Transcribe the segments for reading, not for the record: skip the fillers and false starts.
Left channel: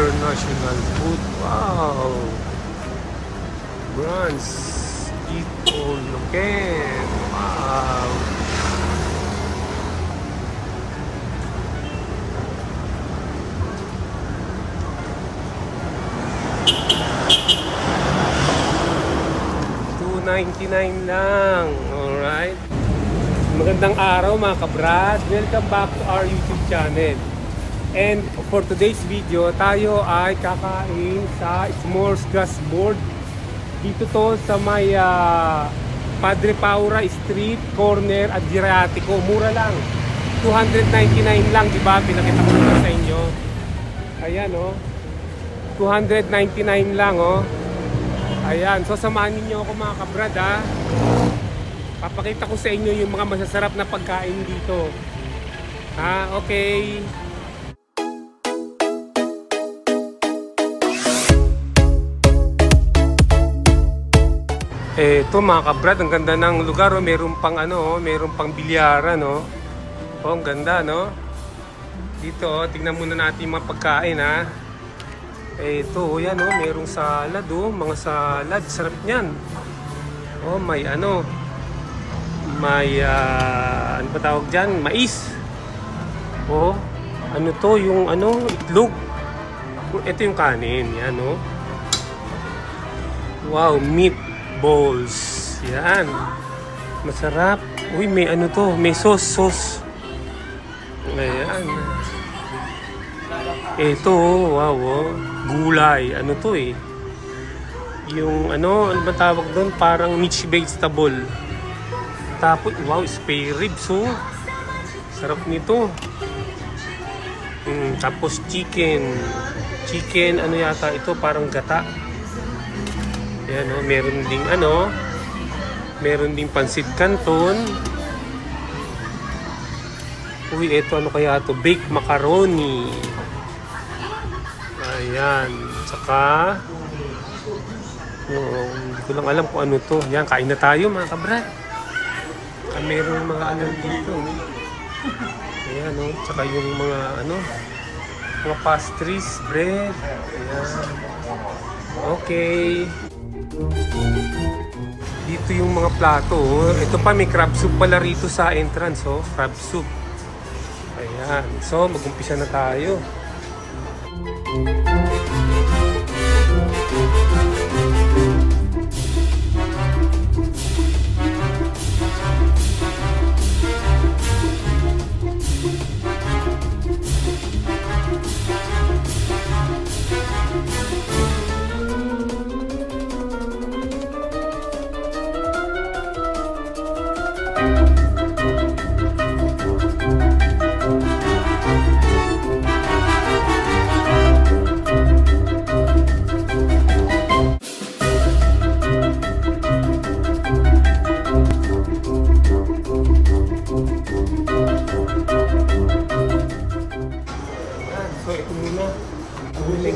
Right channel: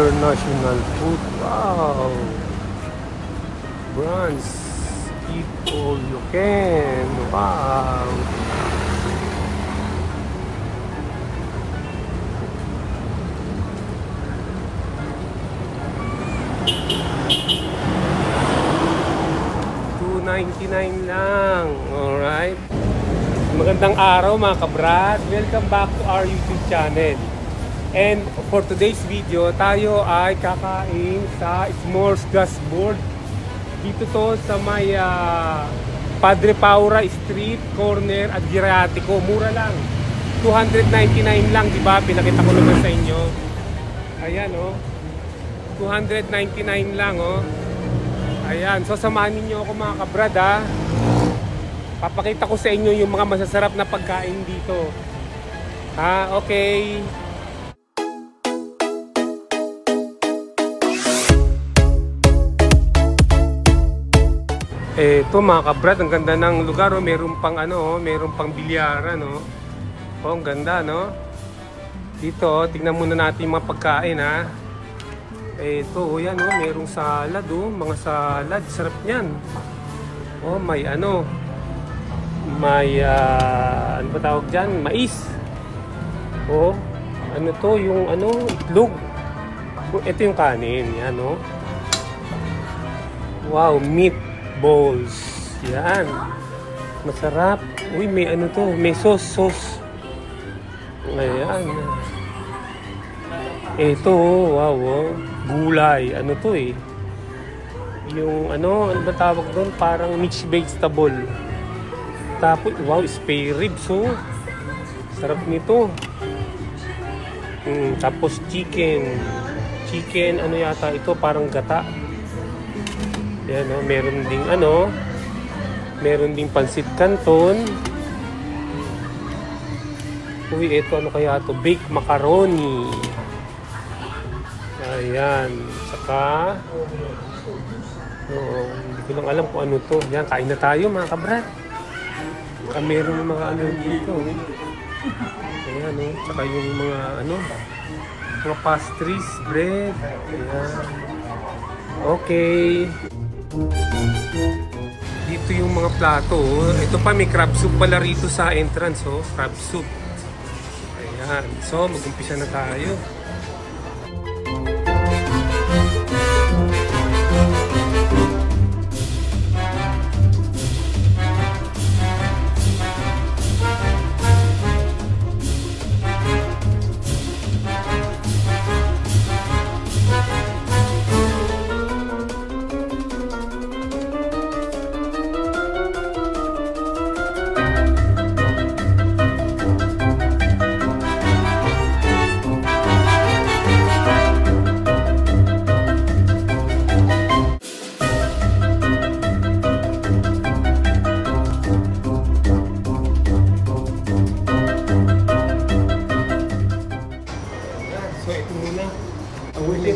international food. Wow! Brands, eat all you can. Wow! $2.99 lang. Alright. Magandang araw mga kabrad. Welcome back to our YouTube channel. And for today's video, tayo ay kakain sa S'mores Gasboard. Dito to sa may Padre Paura Street, corner at Adriatico. Mura lang. $299 lang, di ba? Pinakita ko naman sa inyo. Ayan, oh. $299 lang, oh. Ayan, so samahan niyo ako mga kabrad, ha. Papakita ko sa inyo yung mga masasarap na pagkain dito. Ha, okay. Ito mga kabrad, ang ganda ng lugar, oh. Meron pang ano, meron pang bilyaran, no. Oh, ang ganda, no. Dito, tingnan muna natin yung mga pagkain, ha. Ito, yan, oh, merong salad, oh, mga salad, sarap niyan. Oh, may ano, may ano ba tawag diyan? Mais. Oh, ano to, yung ano, itlog. Ito yung kanin, yan, oh. Wow, meatballs. Yan. Masarap. Uy, may ano to, may sauce. Ayan. Ito, wow, oh. Gulay. Ano to eh? Yung ano ba tawag doon? Parang mixed vegetable. Tapos, wow, spare ribs, oh. Sarap nito. Tapos chicken. Chicken, ano yata ito? Parang gata. Ayan, oh. Meron ding ano. Meron ding pansit canton. Uy, ito ano kaya ito? Baked macaroni. Ayan, saka hindi ko lang alam kung ano to. Yan, kain na tayo mga kabrad. Merong mga ano dito. Ayan, no? Saka yung mga ano, mga pastries, bread. Ayan. Okay. Dito yung mga plato. Ito pa, may crab soup pala rito sa entrance, oh. Crab soup. Ayan. So, mag-umpisa na tayo.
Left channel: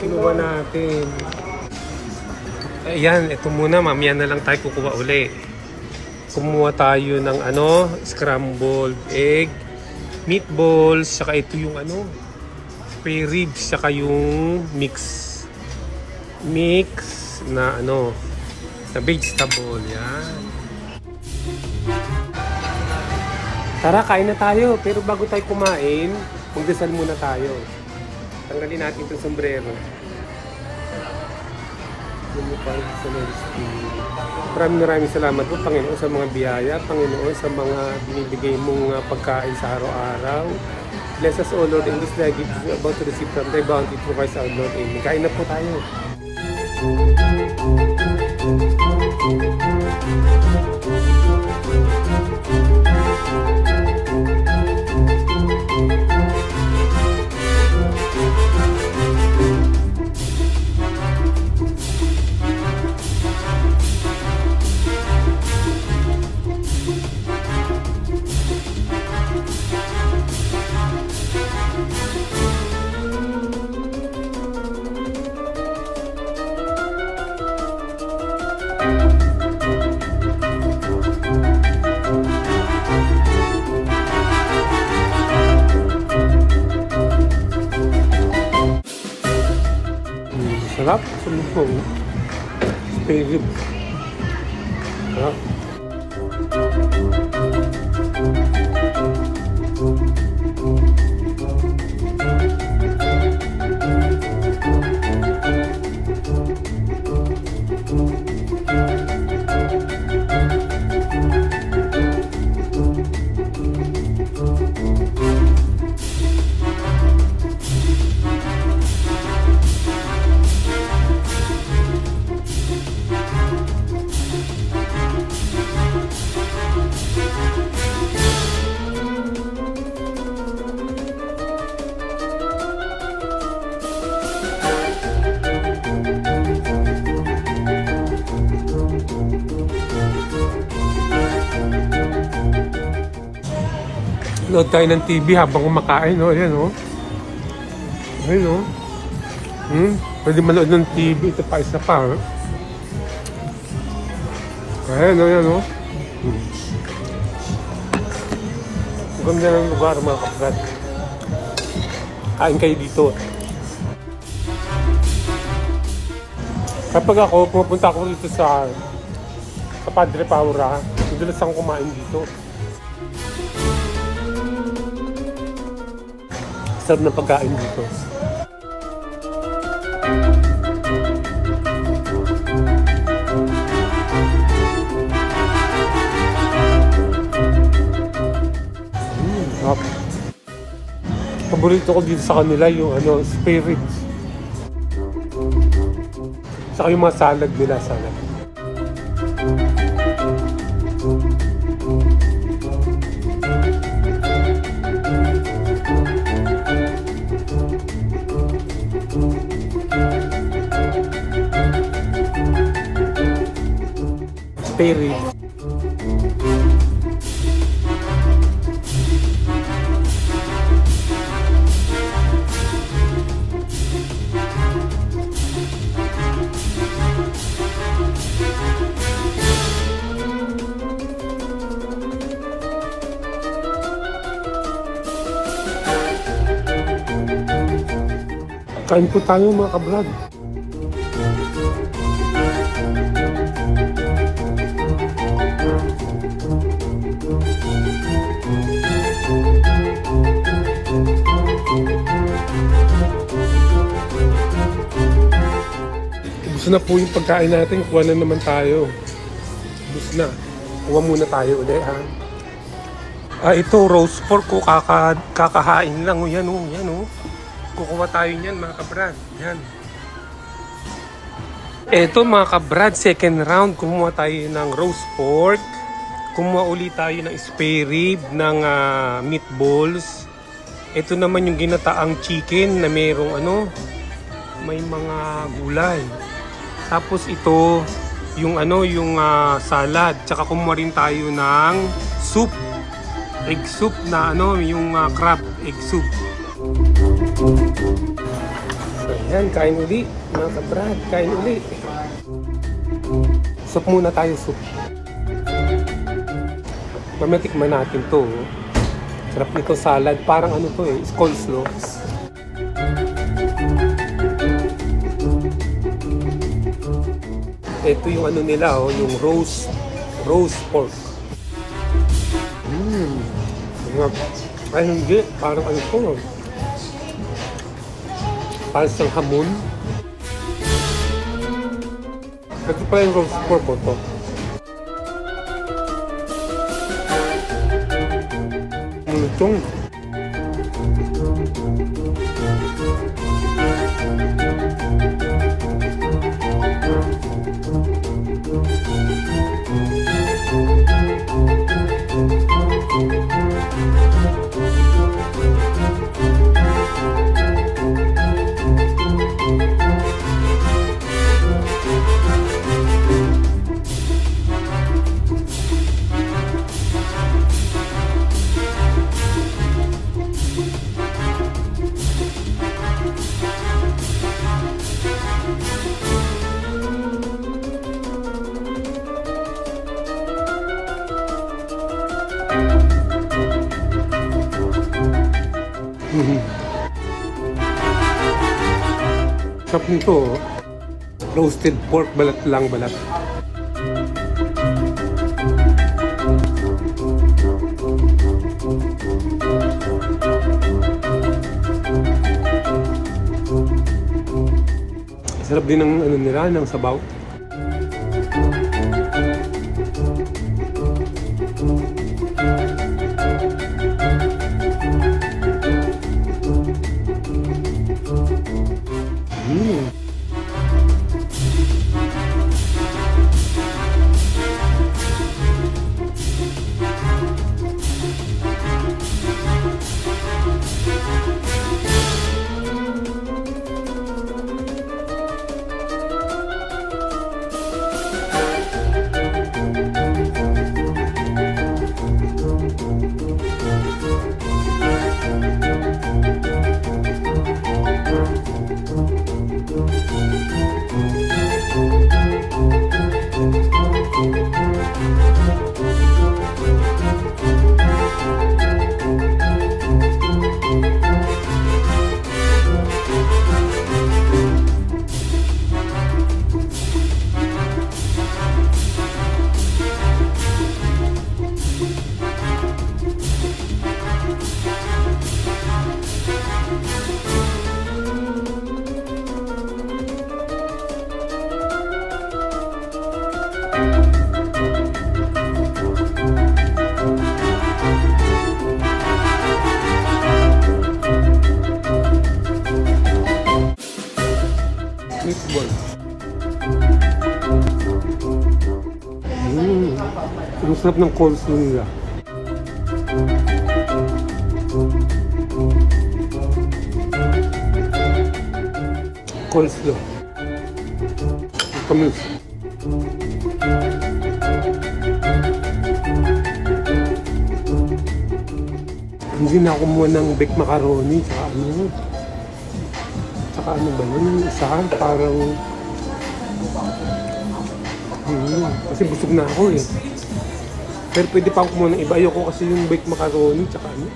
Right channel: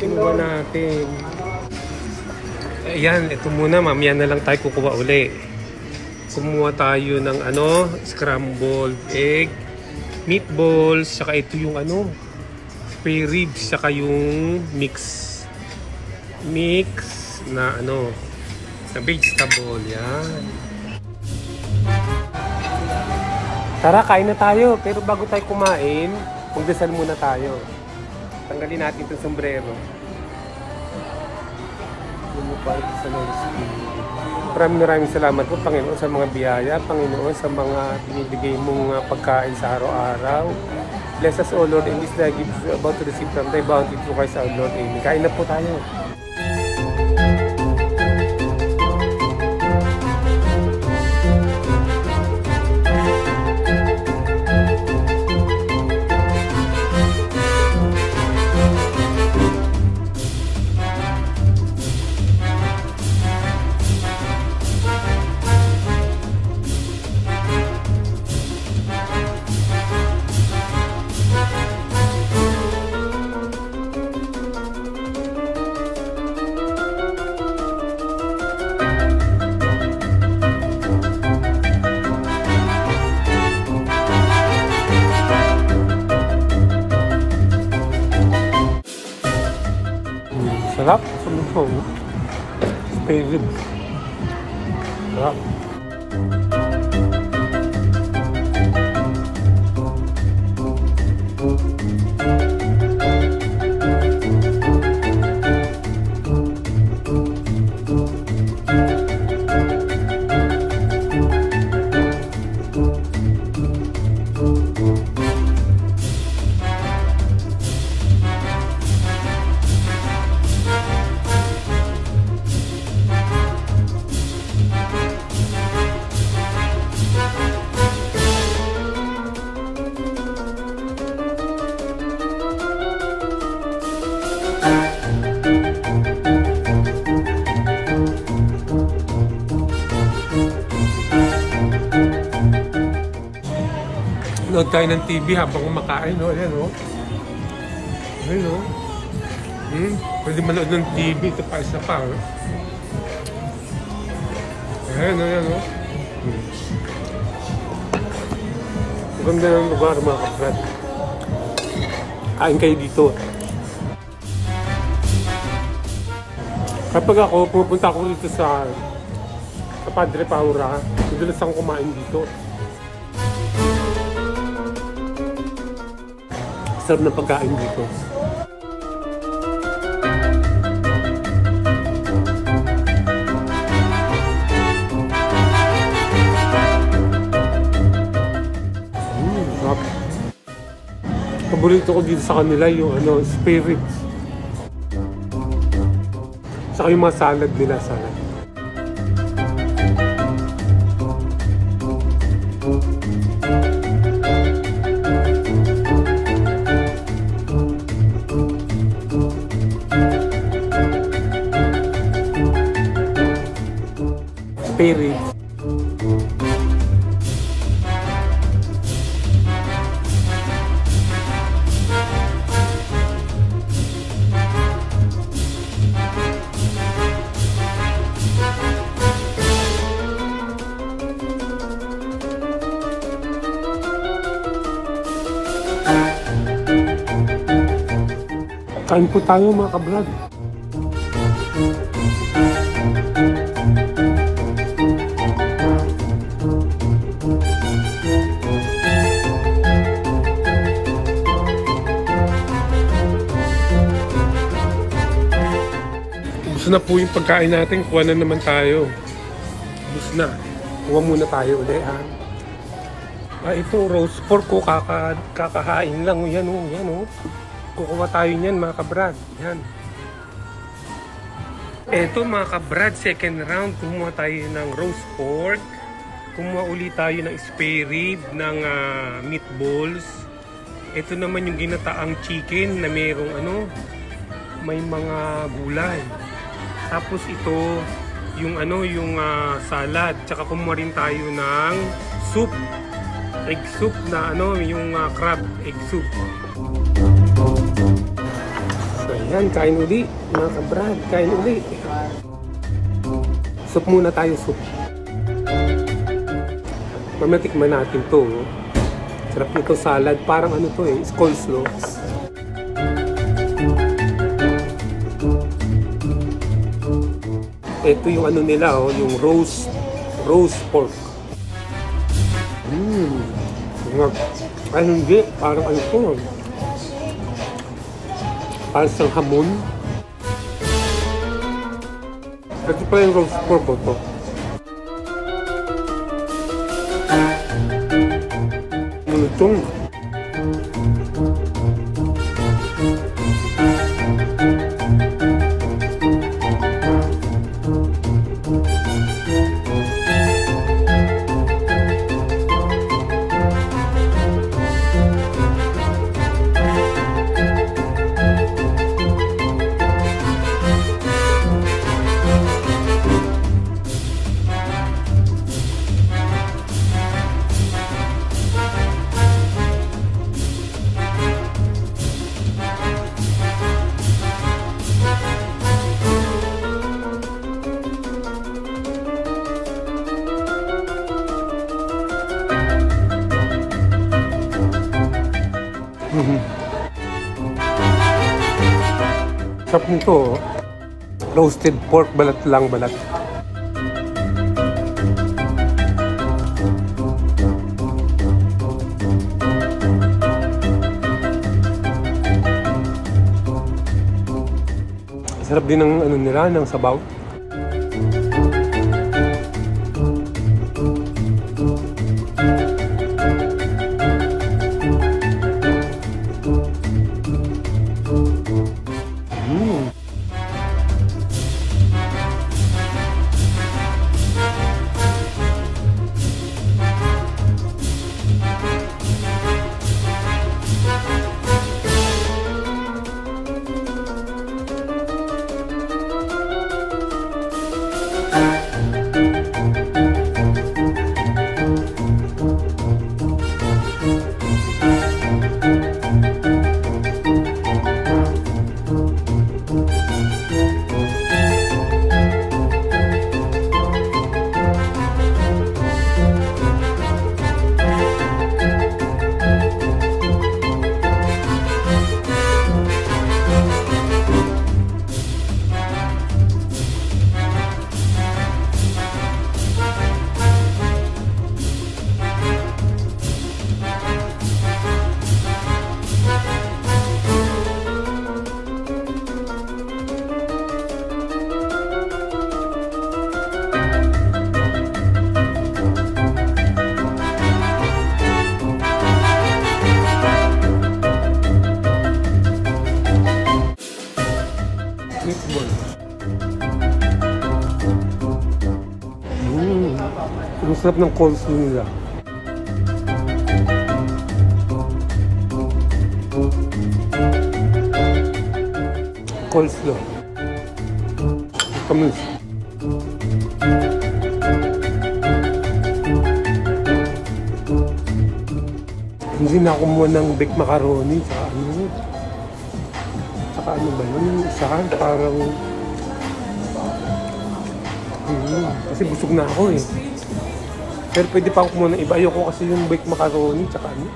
Kinuha natin. Ayan, ito muna. Mamaya na lang tayo kukuha uli. Kumuha tayo ng ano, scrambled egg, meatballs, saka ito yung ano, spare ribs, saka yung mix na ano, na vegetable. Yan. Tara, kain na tayo. Pero bago tayo kumain, magdasal muna tayo. Tanggalin natin itong sombrero. Maraming salamat po, Panginoon, sa mga biyaya. Panginoon, sa mga binibigay mong pagkain sa araw-araw. Bless us, O Lord, in this life which is about to receive from thy bounty through Christ our Lord. Amen. Kain na po tayo. Sarap. Sumisong. Spare ribs. Sarap. Nood tayo ng TV habang kumakain, no? Ayan, no? Ayan, no? Pwede manood ng TV, ito pa, isa pa, no? Ayan, no? Ayan, no? Ang ganda ng lugar, mga kabrad. Kain kayo dito. Kapag ako, pupunta ako dito sa Padre Paura, madalas akong kumain dito. Sarap ng pagkain dito. Sarap. Paborito ko dito sa kanila yung spirits. Saka yung mga salad nila, salad. Spirit. Kain po tayo mga kabrad. Gusto na po yung pagkain natin. Kuha na naman tayo. Gusto na. Kuha muna tayo ulit, ha? Ito, roast pork ko. Kakahain lang. Yan, yan, kukuha tayo niyan, mga kabrad. Yan. Ito, mga kabrad, second round. Kumuha tayo ng roast pork. Kumuha ulit tayo ng spare rib, ng meatballs. Ito naman yung ginataang chicken na mayroong may mga gulay. Tapos ito, yung salad. Tsaka kumuha rin tayo ng soup. Egg soup na yung crab egg soup. So yan, kain uli. Mga kabrad, kain uli. Soup muna tayo, soup. Mamatikman natin to. Sarap nito salad. Parang coleslaw. Ito yung nila, yung roast pork. Ay hindi, parang to. Parang sa hamon. Kasi pala yung roast pork po to. Itong sarap nito. Roasted pork, balat lang, balat. Sarap din ng ano nila, ng sabaw. Meatball. Ang sarap ng coleslaw nila. Coleslaw. Kamis. Hindi na ako kumuha ng baked macaroni tsaka ano. Tsaka ano ba yun? Isahan parang kasi busog na ako eh. Pero pwede pa ako kumuha ng iba. Ayoko kasi yung baked macaroni tsaka ano.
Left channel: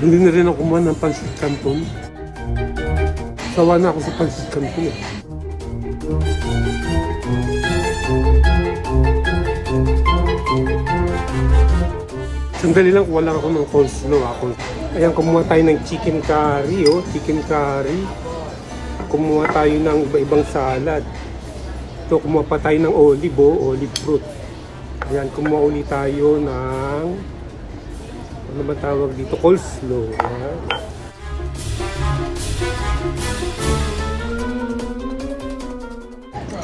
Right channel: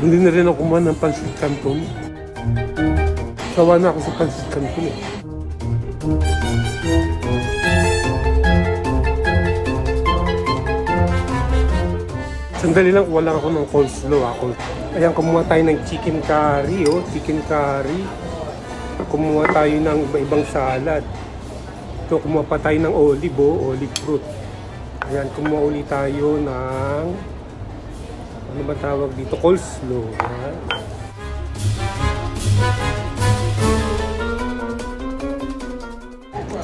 Hindi na rin ako kumuha ng pancit canton. Sawa na ako sa pancit canton eh. Sandali lang, wala ako ng coleslaw ako. Ayan, kumuha tayo ng chicken curry, oh. Chicken curry. Kumuha tayo ng iba-ibang salad. Ito, kumuha pa tayo ng olive, oh. Olive fruit. Ayan, kumuha ulit tayo ng ano ba tawag dito? Coleslaw. Ayan.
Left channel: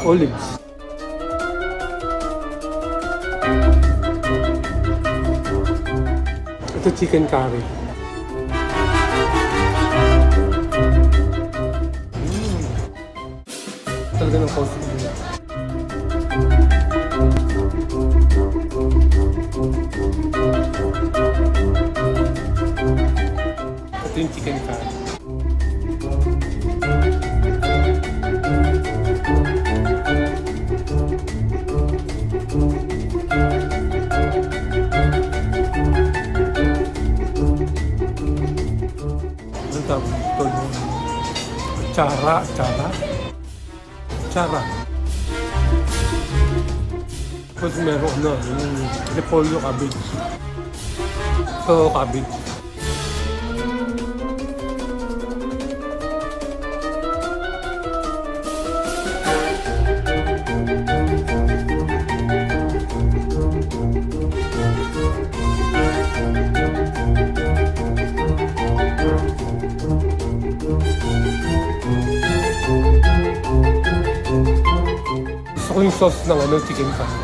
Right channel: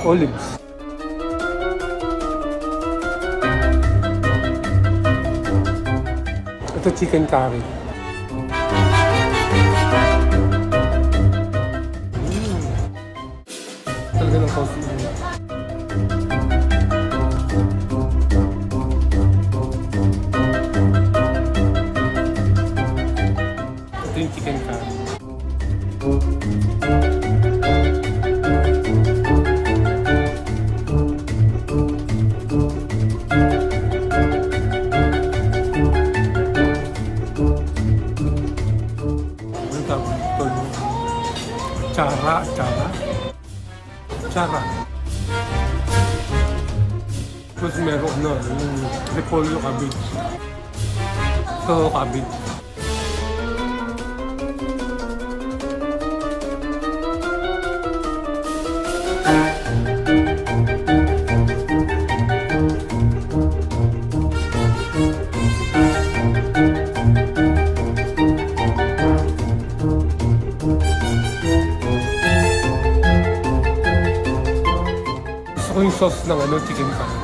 Olives. Ito chicken curry. Talaga ng coleslaw nila. Ito yung chicken curry. Chara. Tapos meron na yung repolyo cabbage. Ito cabbage. Gusto ko yung sauce ng ano, chicken curry.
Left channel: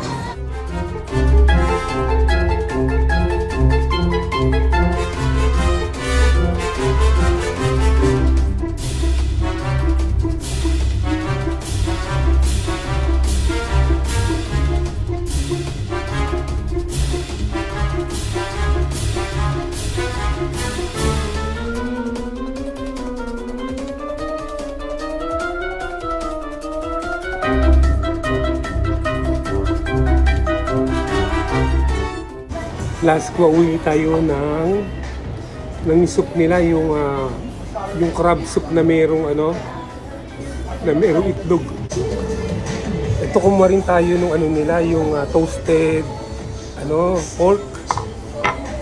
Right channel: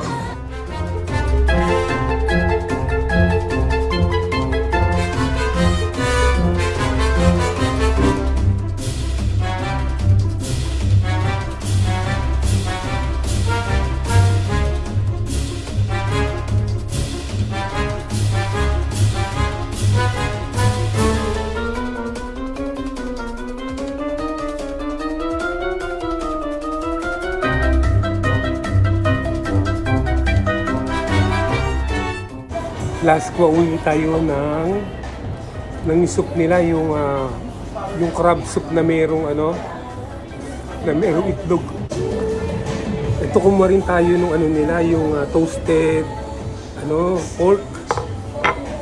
Last ko uwi tayo ng soup nila, yung crab soup na merong itlog. Ito kumuha rin tayo nung nila, yung toasted pork.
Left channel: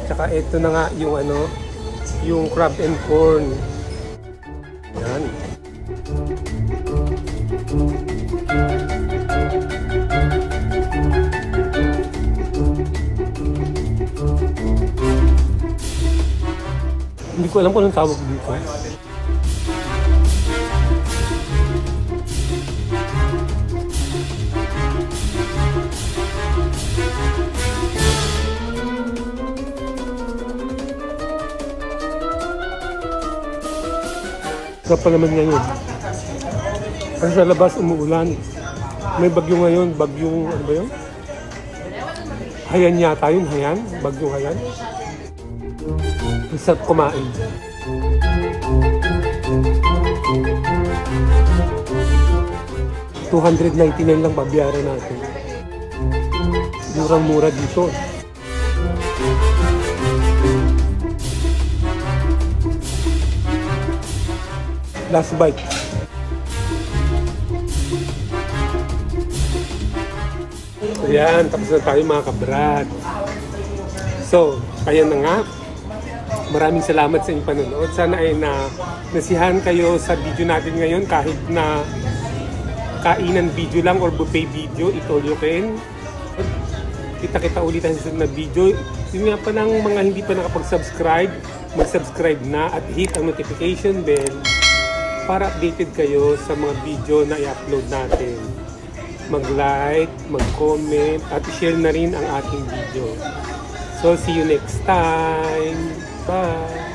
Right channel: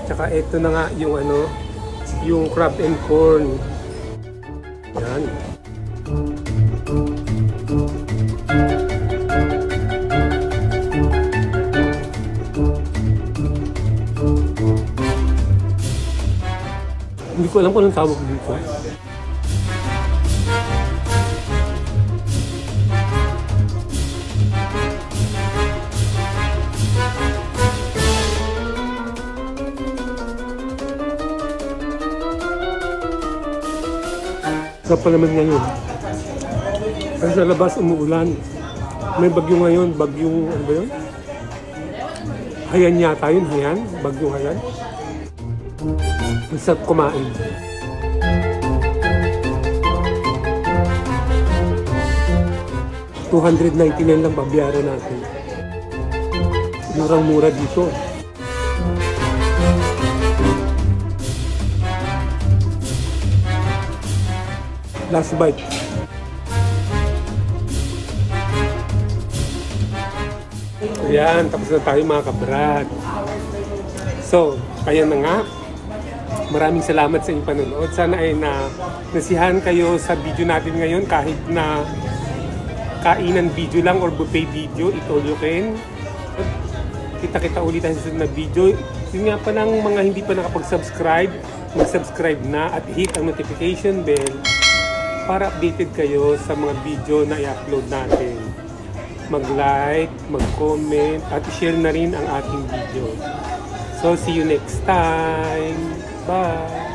Tsaka ito na nga yung crab and corn. Yan. Hindi ko alam kung anong tawag dito. Sarap pa naman ngayon. Kasi sa labas umuulan. May bagyo ngayon. Bagyong, ano ba yun? Hayan yata yun, Hayan. Bagyong Hayan. Masarap kumain. $299 lang babayaran natin. Murang-mura dito. Last bite. Ayan, tapos na tayo mga kabrad. So, ayan na nga. Maraming salamat sa inyong panonood. Sana ay nasiyahan kayo sa video natin ngayon, kahit na kainan video lang or buffet video, it all you can. Kita-kita ulit tayo sa susunod na video. Yun nga pa lang, mga hindi pa nakapag-subscribe, mag-subscribe na at hit ang notification bell para updated kayo sa mga video na i-upload natin. Mag-like, mag-comment, at i-share na rin ang ating video. So, see you next time. Bye!